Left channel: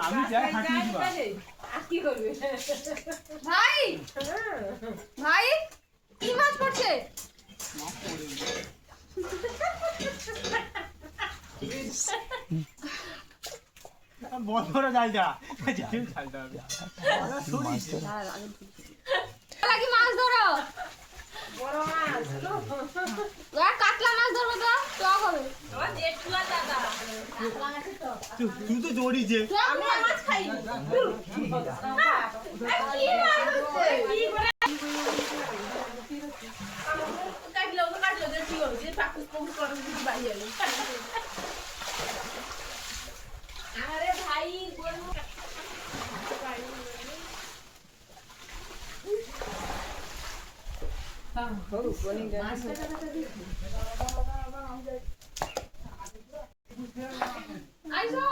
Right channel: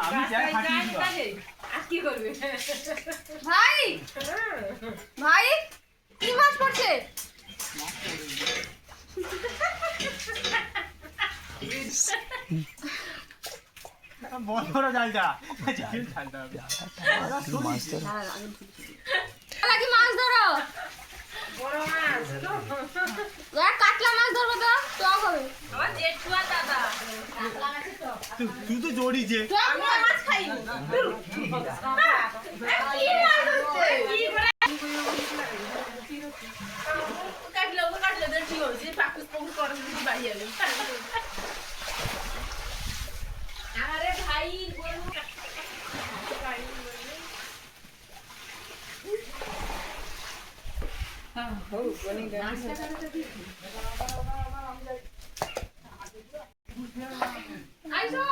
আমি যাই ফাটিয়ে দিব আর কি করবে ভাই ভাই কি মাছ পড়ছে বড় বড় জালটা জালটা মাছ ধরো কি মাছ ধরো বড় মাছ কাতলা মাছ ধরবো তো টক হবে আমার জেঠুয়া দাদা তুই তো জড়িয়েছে আমি মাছ খাই কি মাছ কাটলে দেখি হচ্ছে পাকুস পকুস করে দিদি বাড়ি এলো আরে ভাই গরু আইসো